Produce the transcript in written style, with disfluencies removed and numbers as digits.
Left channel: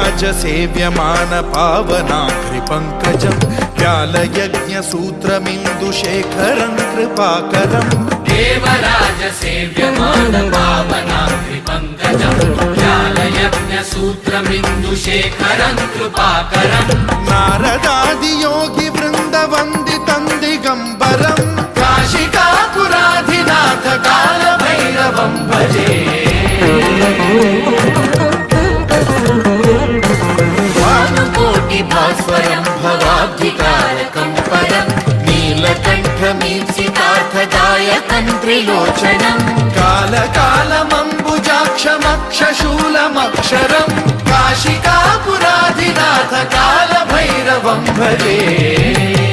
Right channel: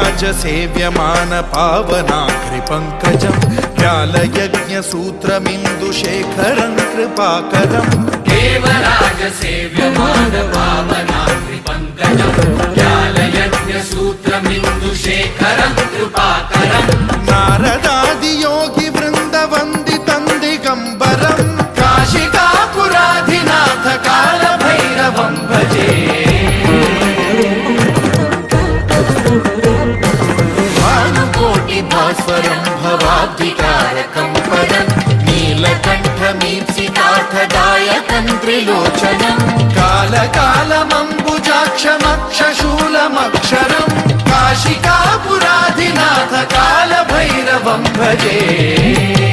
देवराजसेव्यमान पावनाग्रिपङ्कजं व्यालयज्ञसूत्रमिन्दुशेखरं कृपाकरं देवराजसेव्यमान पावनाग्रिपङ्कजं व्यालयज्ञसूत्रमिन्दुशेखरं कृपाकरं नारदादियोगिवृन्दवन्दितं दिगम्बरं काशिकापुराधिनाथ कालभैरवं भजे भास्वरं भवाब्धितारकं परं नीलकण्ठमीप्सितार्थदायकं त्रिलोचनं कालकालमम्बुजाक्षमक्षशूलमक्षरं काशिकापुराधिनाथ कालभैरवं भजे।